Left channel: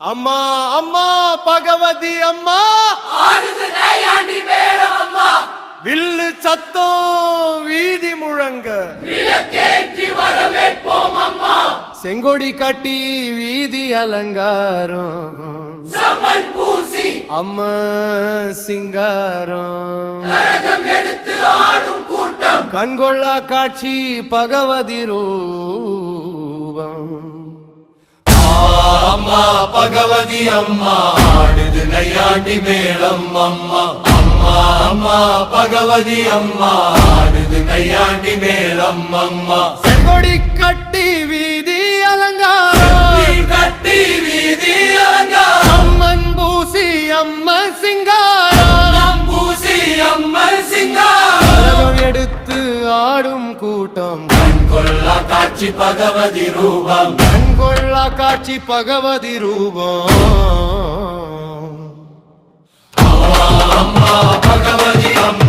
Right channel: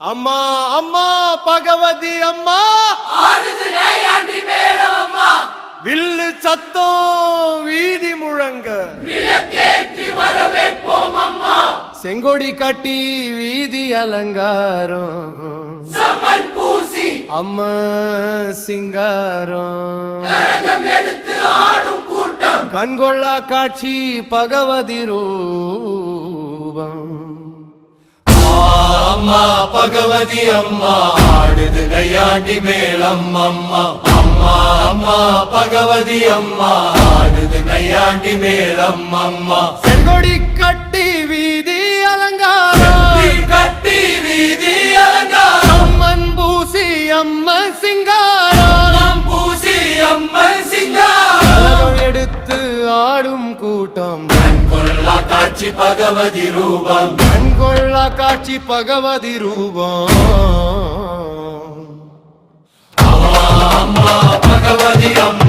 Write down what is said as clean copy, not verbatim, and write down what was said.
அம்மா அம்மா பகவதி அம்மா வில்லு சத்தம் வீதி முழங்க செங்கொடி கட்டி வீதி அலங்காரம் அம்மா சிங்காரம் கண்கொள்ளா காட்சி பகவதி ரூபம் அம்மா பகவதி அம்மா ஆடுது நையாண்டி மேளம் அம்மா அம்மா அம்மா பகவதி அம்மா ஆடுது நையாண்டி மேளம் அம்மா செங்கொடி கட்டி வீதி அலங்காரம் கட்டி வீதி அலங்காரம் அம்மன் பூசி அம்மன் சிங்காரம் பூசி அம்மன் சிங்காரம் எடுத்து ஆடும் கூட்டம் கண்கொள்ளா காட்சி பகவதி ரூபம் கண்கொள்ளா காட்சி பகவதி ரூபம் அம்மா அம்மா பகவதி அம்மா